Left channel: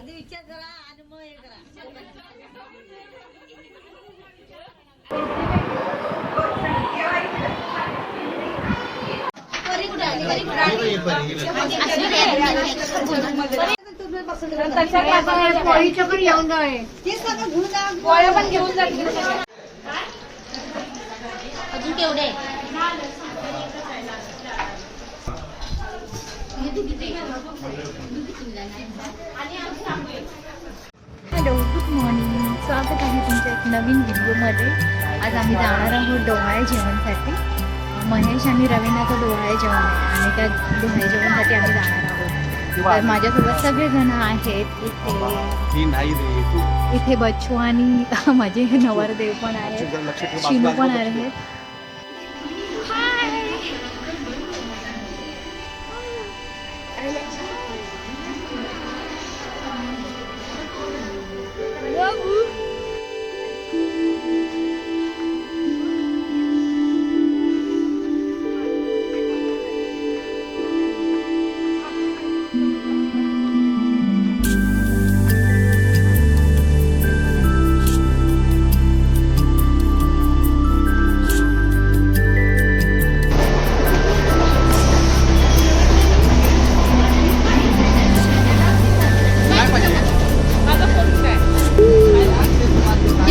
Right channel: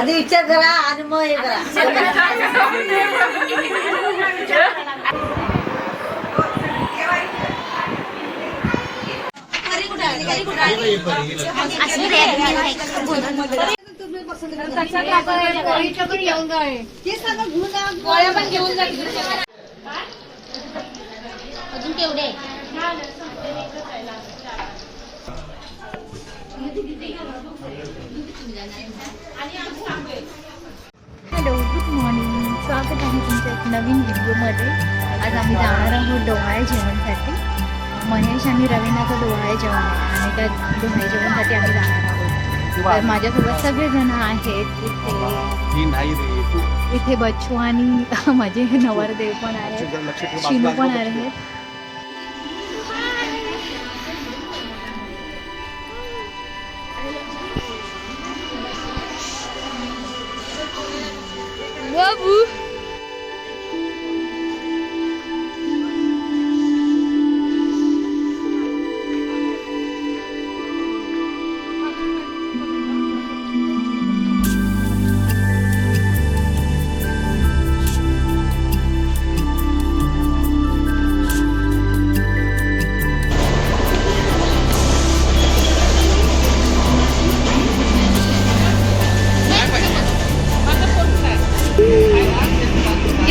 आधी विचार करा आणि मग हे करा. अजून केवढे हॅलो, गुड मॉर्निंग. स्वागत आहे तुमच्या एक नवीन व्हिडिओमध्ये. आज आम्ही जाणार आहोत डोहाळे जेवणसाठी. महेश आणि रवीनाचं डोहाळे जेवण आहे आणि त्या डोहाळे जेवणसाठी आम्ही जाणार आहोत. तर माझ्यासोबत सगळेजण आहेत इथे बच्चू आणि माझे नवरदेव पण आहेत, शिनू पण आहेत.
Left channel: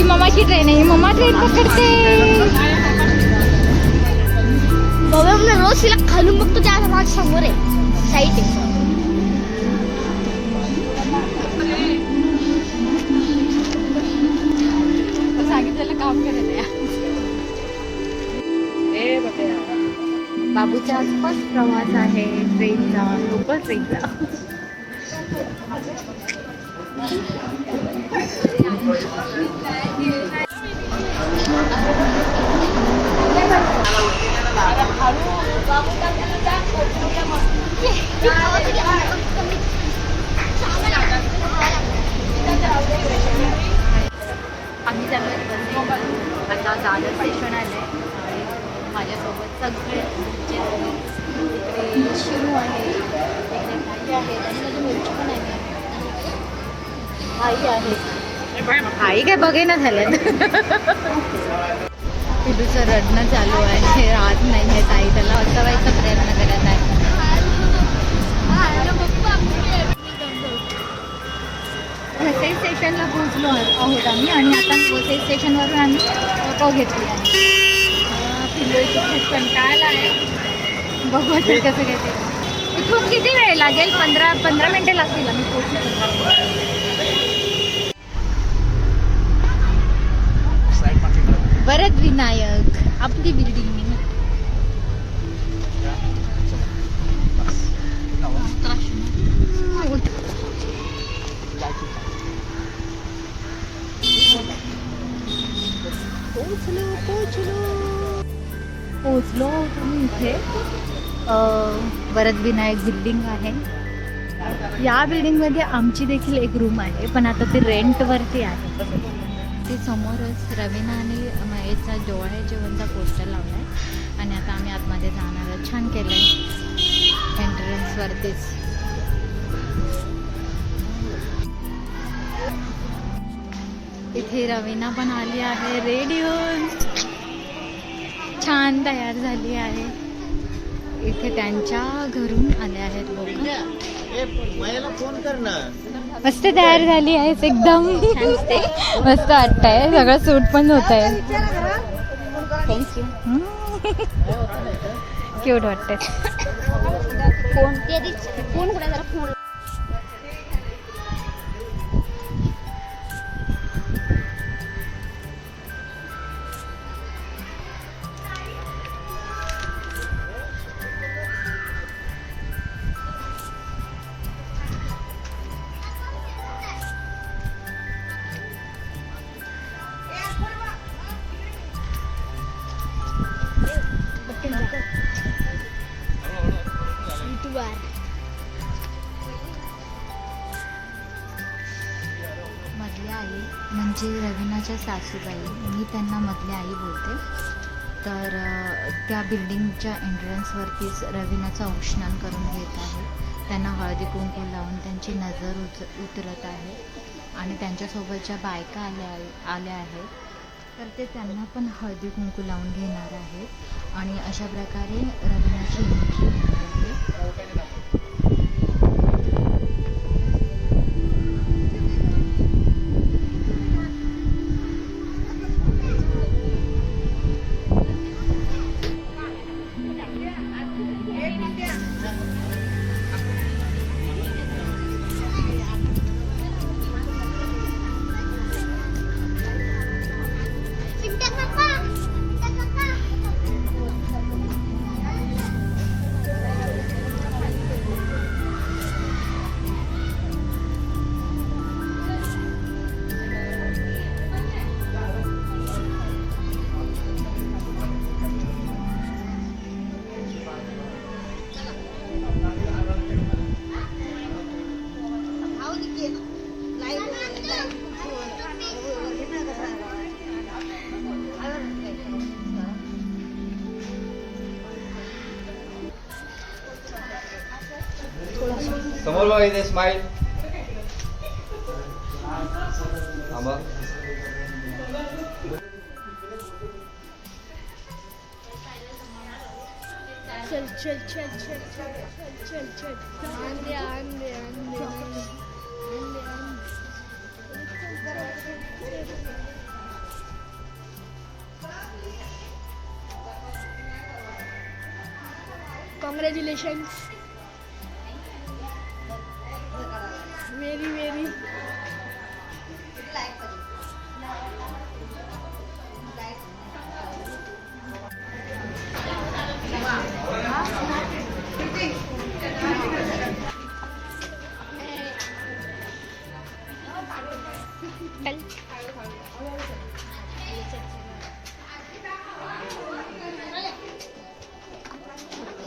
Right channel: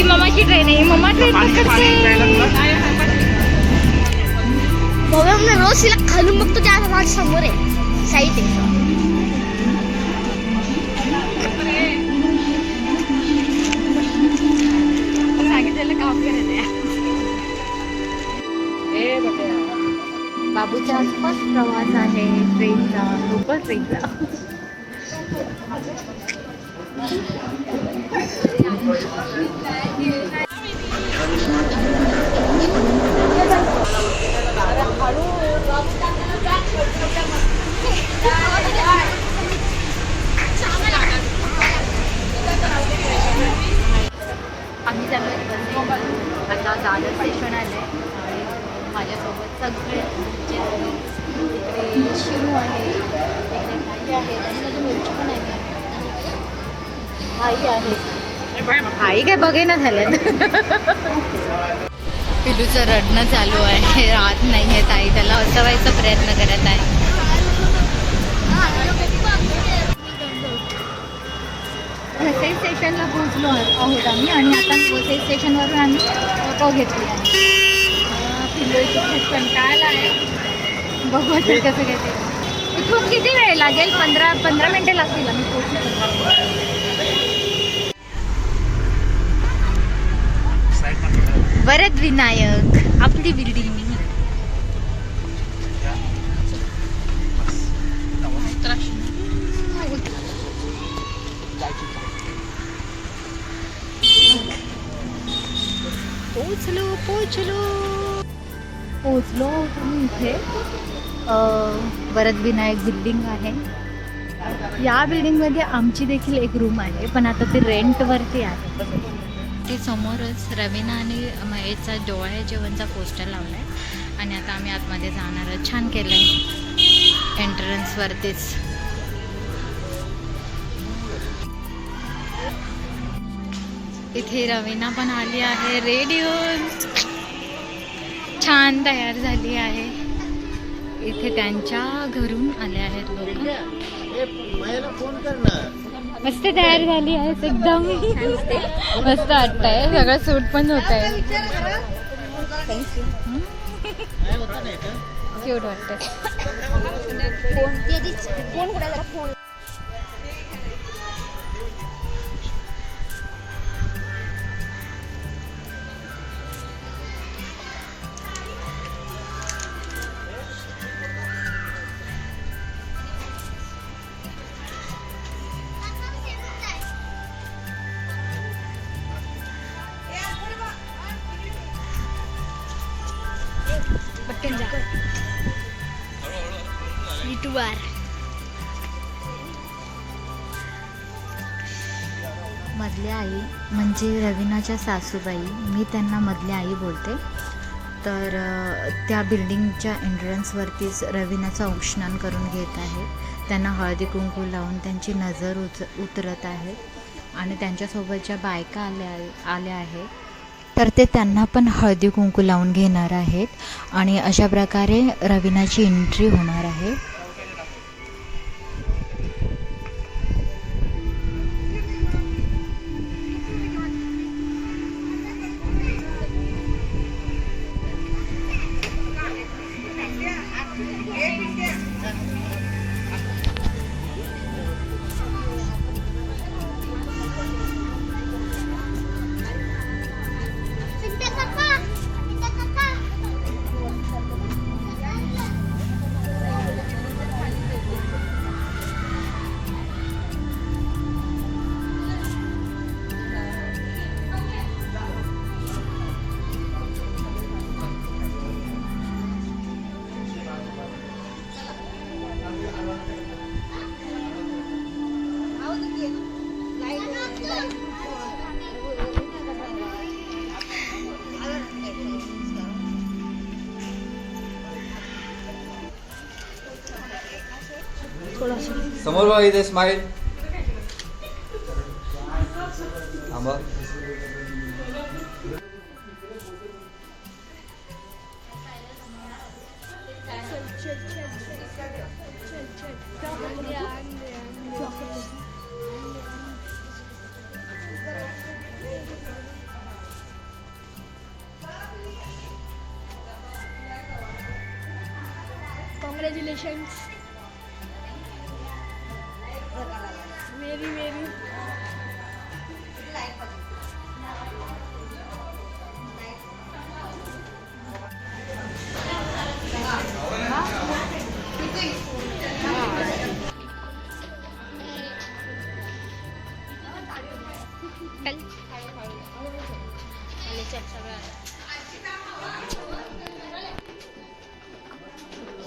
मम्माची ट्रेन आहे, मम्मा ट्रेन पकडते. बाबा रोज तिला खालून बघतो, त्या माझ्या समोर आहे, साईड आहे. सांगितलेलं काम करत बाबूचा फर्स्ट प्रवास आहे ट्रेनचा, लोकल ट्रेनचा. आम्ही चालू आता दादर स्टेशन आले. माझ्यासोबत सगळे इकडे शिरू आहे, इकडे भाई आहे आणि माझी मुलगी पण आहे. आई आहे, आई काय बघेना झालं. पिलूचं रडणं चालू आहे, राहत नाही आहे ताई, त्याला हसवायचा प्रयत्न करत आहे. वसई स्टेशनला पोहोचलो आहोत आम्ही आणि आता वसई स्टेशनवरून आम्ही ऑटो घेतली आहे. पिल्लूची खूप कंटाळला आहे, बघू आता कसं काय ते. इथून किती वेळ लागेल? 15 मिनिटे लागतील आम्ही पोहोचलो. वरद विनायक आपली बिल्डिंग. पोचलो तुम्ही इथे. वरद विनायक बिल्डिंग आहे. या बिल्डिंगमध्ये आमची देखील एक रूम आहे, पण आता ते रेंटवरती आहे. ते समोरच रवीना आणि महेशचा डोहाळे जेवणचा पोस्टर लावला आहे आणि आता आम्ही आतमध्ये जाणार आहोत. छान केलं आहे एंट्रन्सवरतीच. इथे रवीना पण आली आहे रेडी होऊन, छान तयार झाली आहे. इथे त्यांच्या घरून आले आहेत लोक. मस्त तयार झाली आहेस एकदम, मस्त वाटतंय. सगळं सूट पण होत आहे. क्यूट वाटतंय. मधली आई म्हणजे रवीनाच्या सासूबाई, मी त्यांना मधली आई बोलते. तर त्या बिल्डिंगच्या एंट्रन्सवरतीच रवीनाचं औक्षण करून घेत आहे. त्यांना हळदी कुंकू लावून त्यांची नजर उतरत आहे आणि त्यांच्यासोबतच्या बायका आल्या आहेत, तर ते त्यांना पण हळदी कुंकू लावून घेणार आहेत आणि अशा प्रकारे रवीनाची एंट्री होणार आहे. समोर बघा, इथे स्माइल. चल चल चल चल चल चल Congratulations. Very.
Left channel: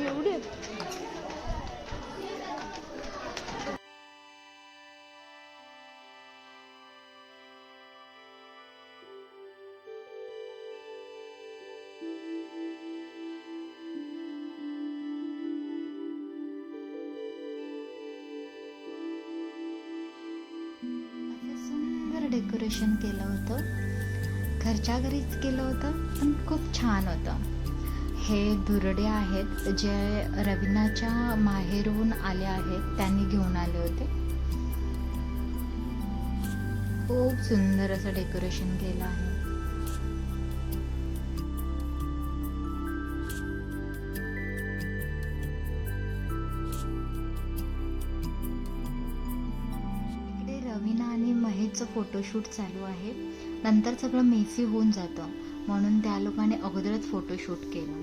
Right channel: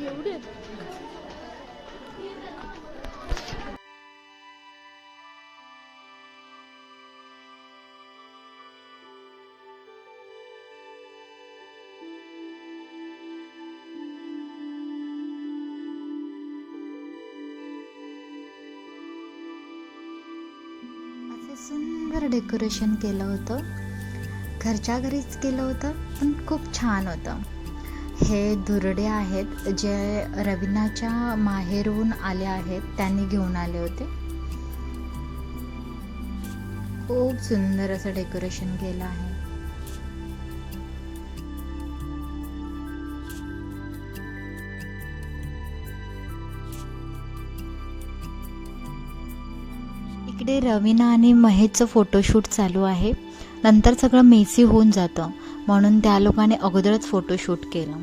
एवढे सुंदर डेकोरेशन केलं होतं. घरच्या घरीच केलं होतं, पण खूप छान होतं. हे दुर्डे आहेत जे रवीनाच्या माहेरहून आले आहेत, त्यांनी घेऊन आले होते. खूप सुंदर असं डेकोरेशन केलं आहे. इकडे रवीना आणि महेशचं फोटोशूट चालू आहे. नंतर सगळं मेसी होऊन जातं, म्हणून त्या लोकांनी अगोदरच फोटोशूट केलं.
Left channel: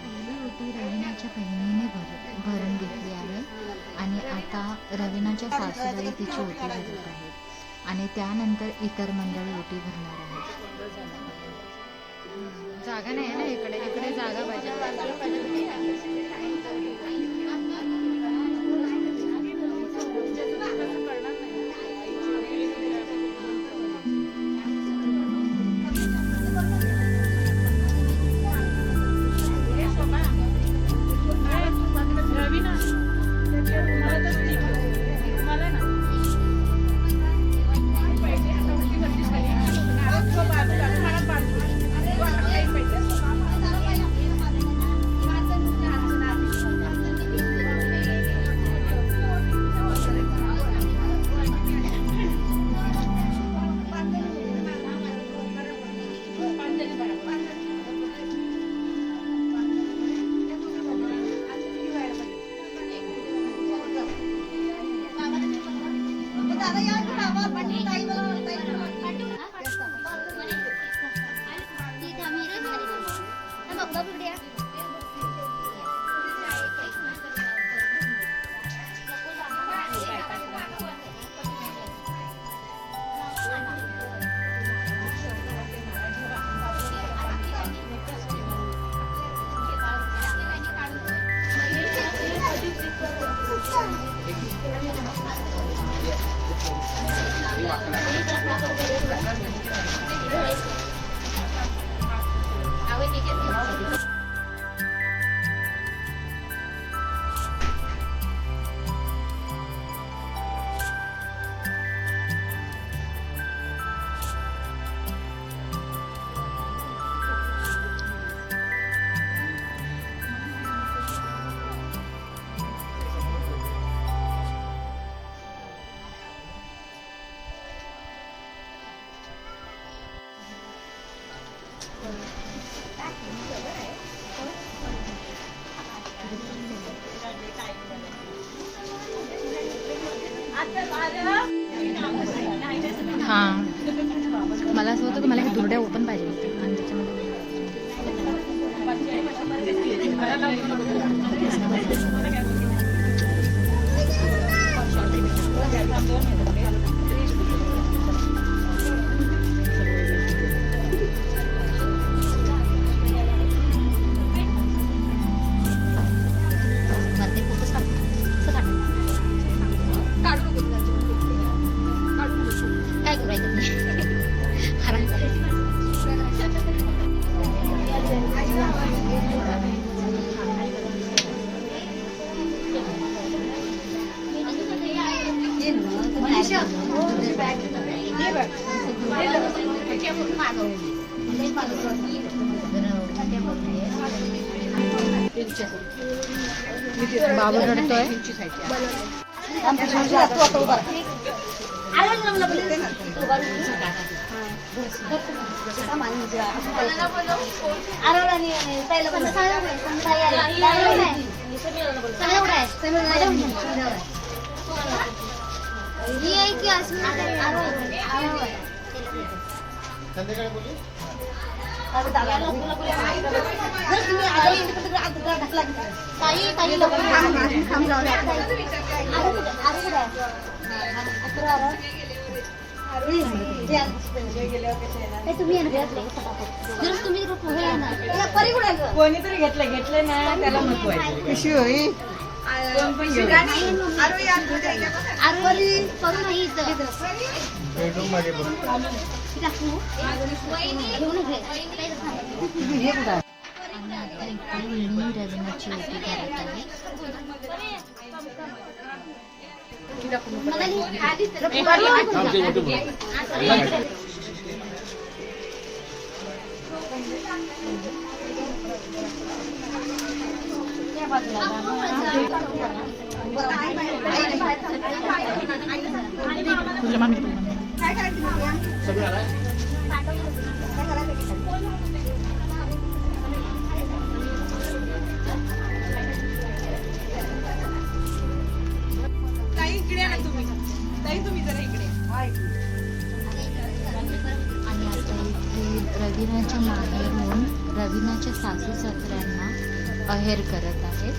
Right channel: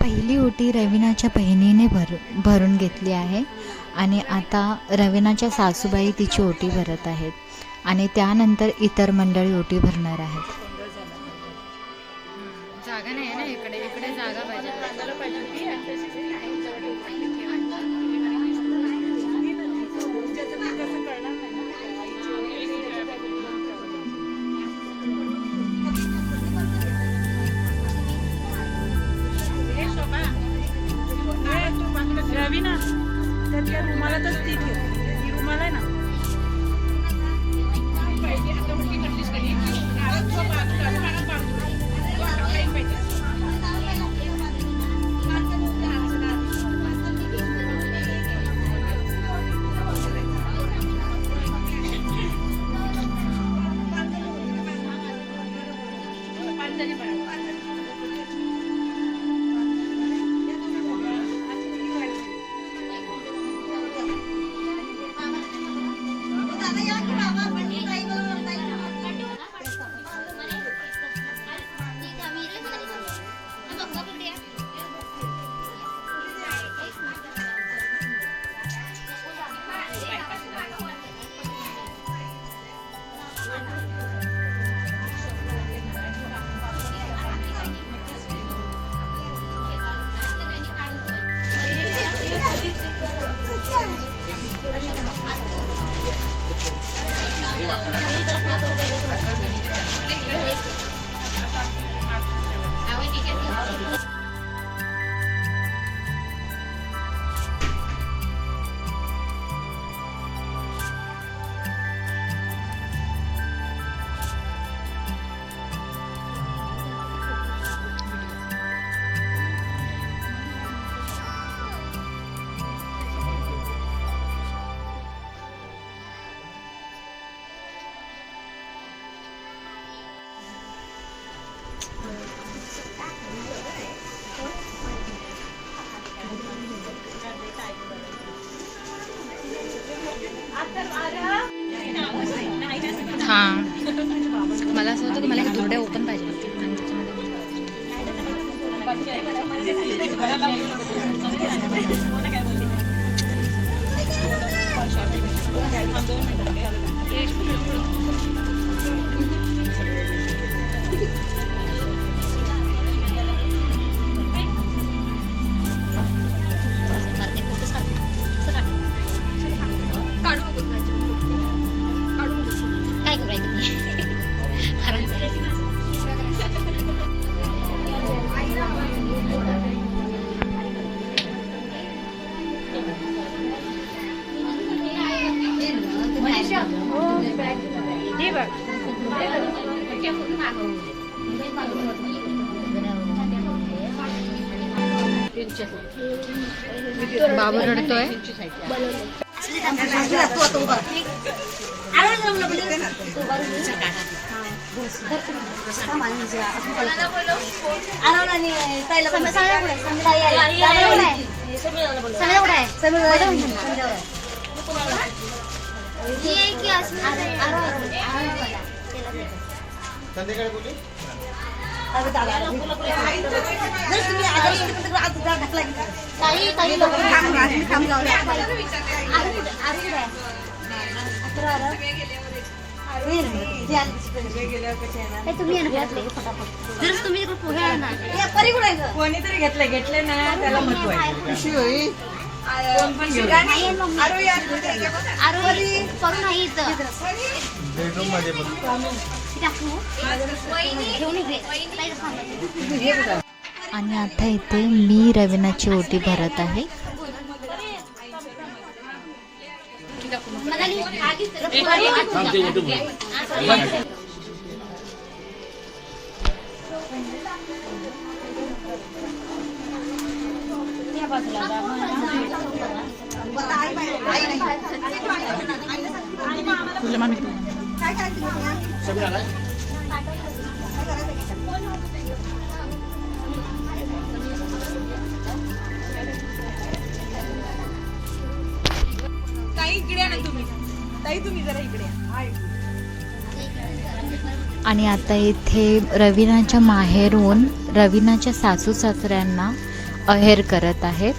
पहिली ओटी रवीनाच्या बहिणीने भरून घेतली आहे आणि आता रवीनाच्या सासूबाई तिची ओटी भरत आहेत आणि त्यानंतर इतर मंडळी ओटी भरणार आहेत. जागा नाही ना इकडे जागा पाहिजे. हा मला असं होतं की मला हे दुर्ड्या ओपन पाहिजे होती आणि त्याच्यामध्ये बाबू रडतोय. कोणीतरी घेतले ना त्याला महत्व आहे. आणि आता इथे मी रवीनाची ओटी भरत आहे. आणि आता इथे रवीनाच्या माहेरून रवीनाच्या सासू सासऱ्यांना अहेर करत आहेत.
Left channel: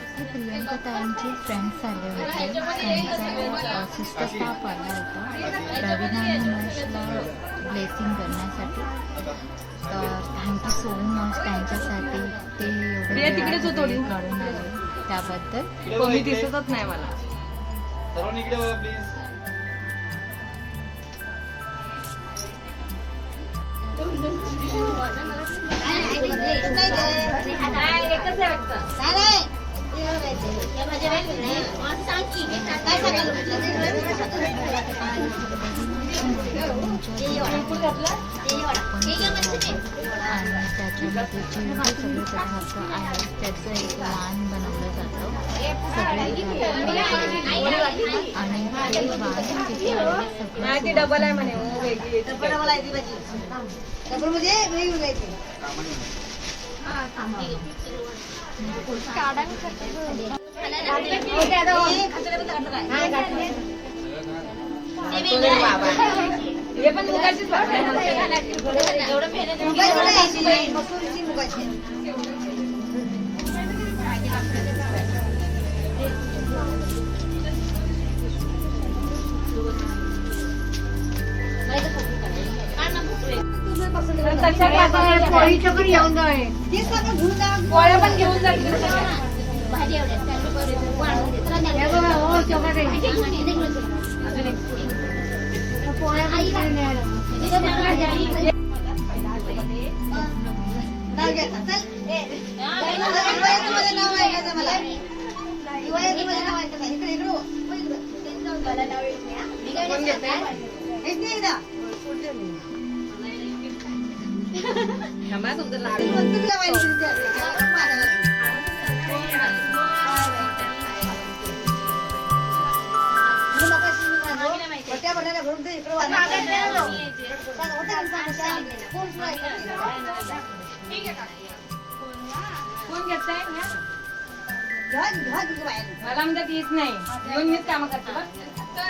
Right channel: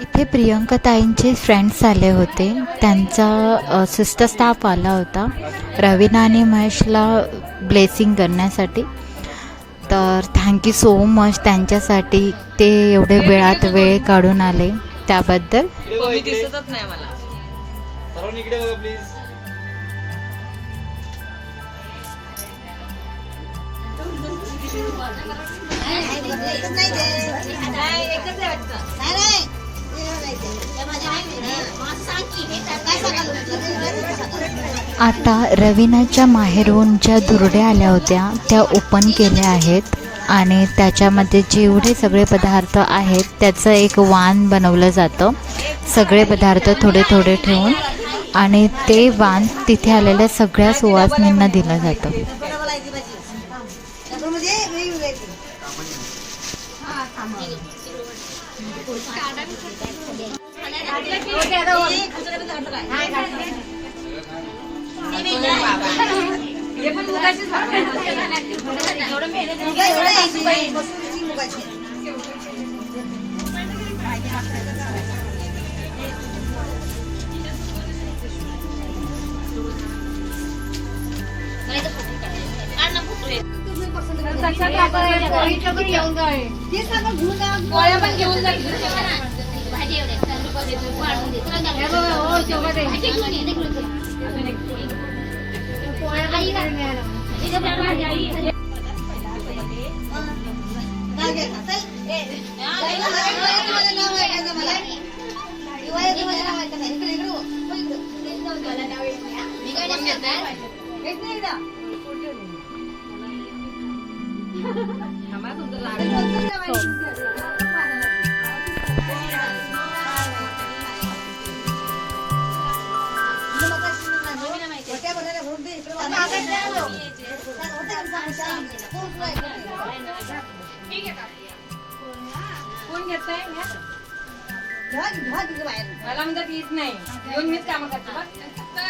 इथे प्रियंका ताईंचे फ्रेंड्स आले होते. त्यांचा सिस्टर स्टाफ आला होता रवीना आणि महेशला ब्लेसिंग करण्यासाठी. तर थँक्यू सो मच त्यांच्यासाठी, ते एवढे वेळात वेळ काढून आले त्याबद्दल. दिसतच नाही मला. सर्वांनी इकडे बघा प्लीज. आता रवीनाच्या माहेरून ज्या दुर्ड्या आल्या होत्या त्या ओपन केल्या आहेत आणि त्याच्यामध्ये जेवढे सगळे पदार्थ आहेत त्याचं एक वाण बनवलं जातं. सगळे पदार्थ थोडे थोडे ठेवून आणि ते वाण तिथे आलेल्या सगळ्या सुवासिनींना दिलं जातं. तुमचं लाडू कोण घेतलंय मला म्हणतात येत नाही येऊन मीच कामं करते बघ.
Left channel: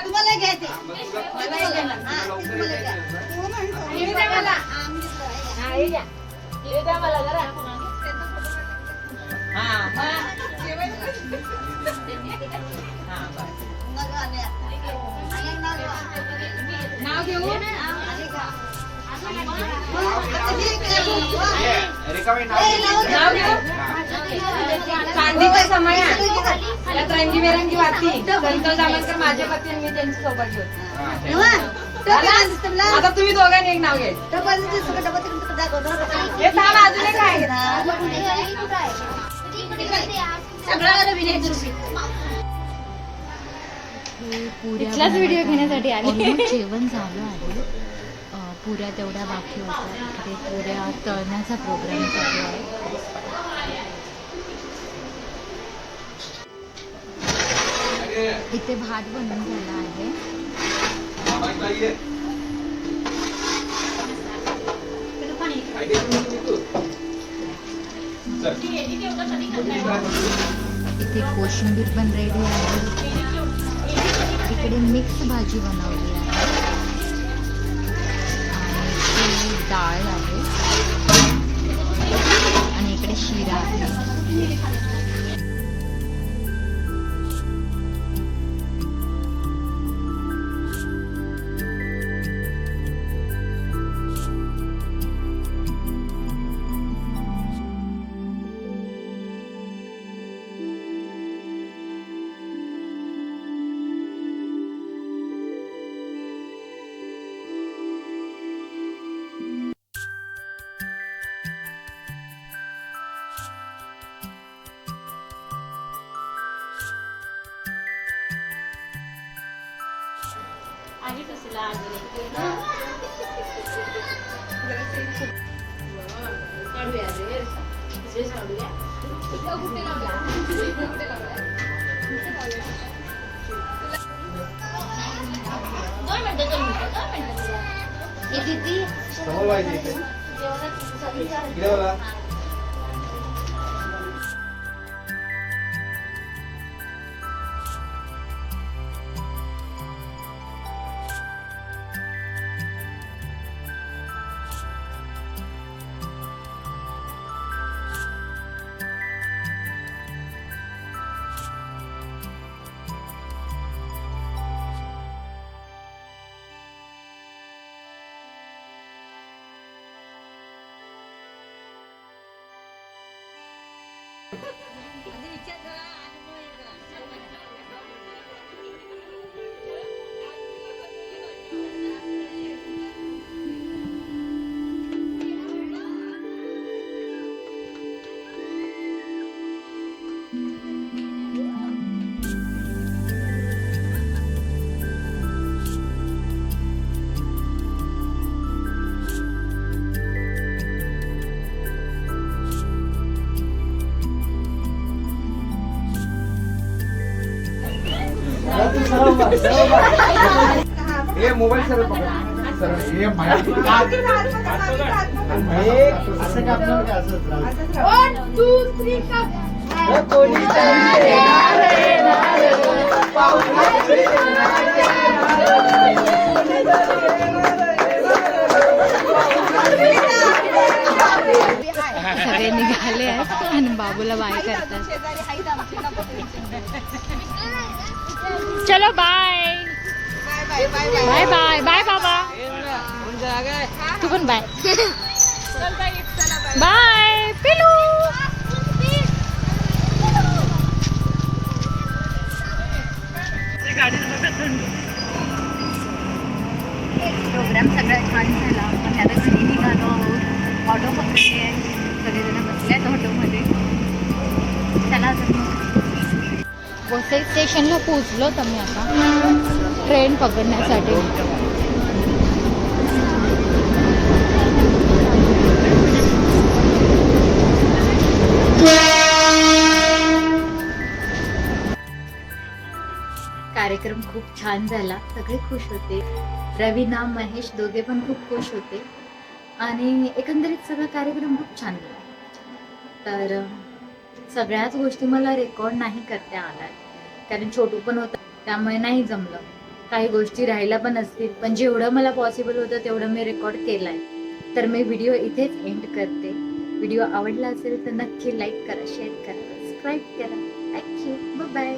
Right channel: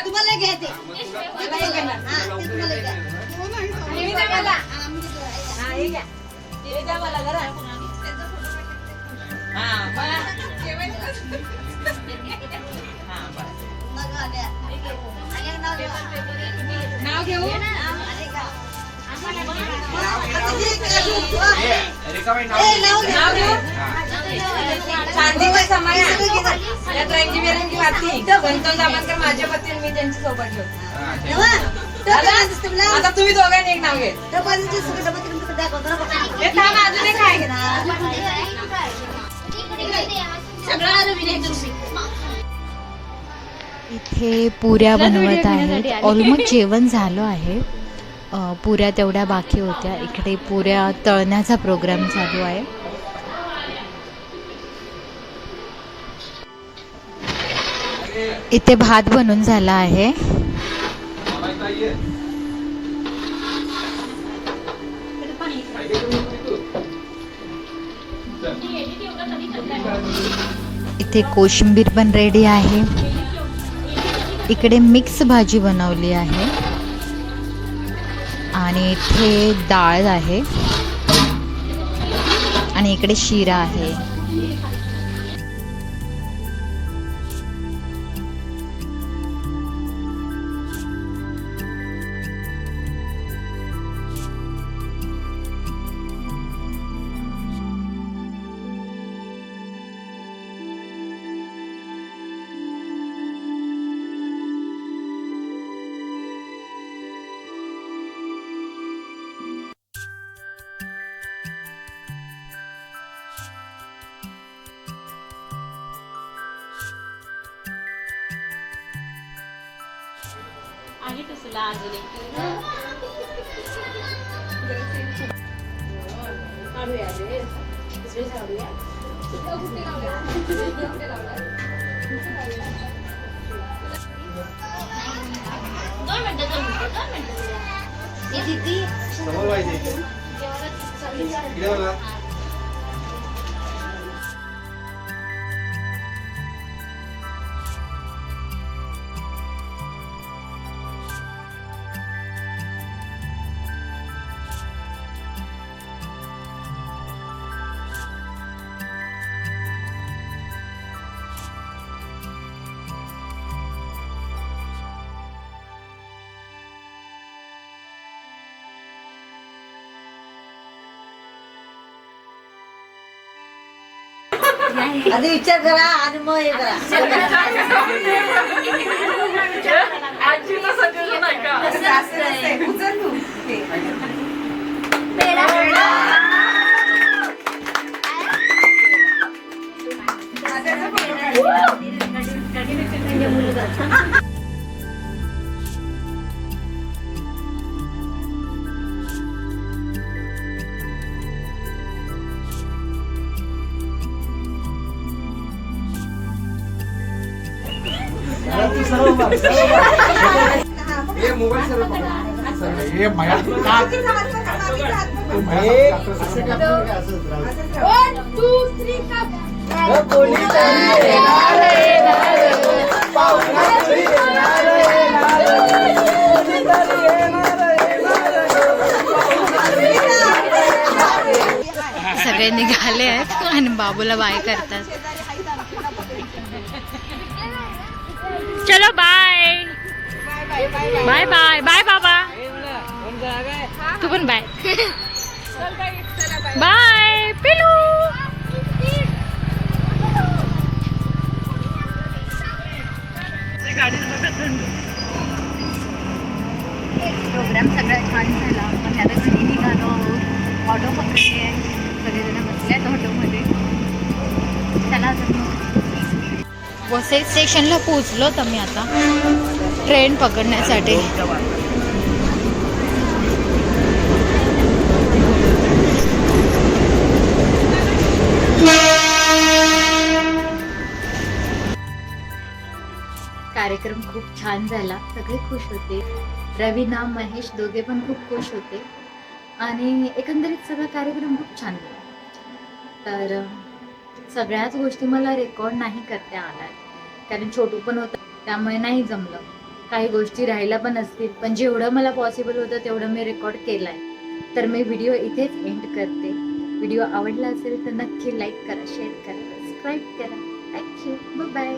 तुम्हाला घ्यायचे मला हे घेणार. हे द्या मला. हा, हे घ्या. हे द्या मला जरा. हा, मला. हा, बरं. नाव घेऊ नाव घेऊ चांदीचा समय आहे. यात रंगीबेरंगी वाती संतोष दामनकर माझे पती आणि मी त्यांची सौभाग्य होते. आता तुम्ही दोघांनी एक नाव घेत हे थांब, अजून एक आहे. इथे पुऱ्या बनवत आहेत. ऑलमोस्ट जेवण झालं आहे. पुऱ्या तेवढ्या बाकी होत्या. इकडे पुऱ्या तळण्याचा प्रोग्राम चालू आहे. इथे भात बनून झाला आहे. इथे कोशिंबीर पण रेडी आहे. इकडे मिक्स भाजी बनवली आहे आणि इथे डाळ आहे आणि इकडे शिरा आहे. आधी विचार करा आणि मग हे करा. ये मोबाईल सर ये सगळे निघाले आहेत आणि बाबूला बाय करतात. चलो बाय बाय बाय बाय बाबा. तू पण बाय बाय पिलू. प्रोग्राम सगळा छान झाला. पण आता घरी निघालो. ऑटो पकडले. सगळेजण बसल्यात ऑटोमध्ये. चला तर वसई स्टेशनला पोहोचलो तर मी आता ट्रेन पकडण्यासाठी. कार्यक्रम खूप छान झाला, सगळे खुश होते. रवीना महेश दोघे पण खूप खुश होते आणि एकंदरीत सगळा कार्यक्रम खूप छान झाला. तर सगळ्याच गोष्टी मला रेकॉर्ड नाही करता आल्या कारण छोटू पण होतं त्यामुळे नाही जमलं. काही गोष्टी राहिल्या पण असतील पण जेवढं मला पॉसिबल होतं तेवढं मी रेकॉर्ड केलं आहे. तर मी व्हिडिओ इथेच एंड करते. व्हिडिओ आवडला असेल तर नक्की लाईक करा, शेअर करा, सबस्क्राईब करा. Thank you, bye bye.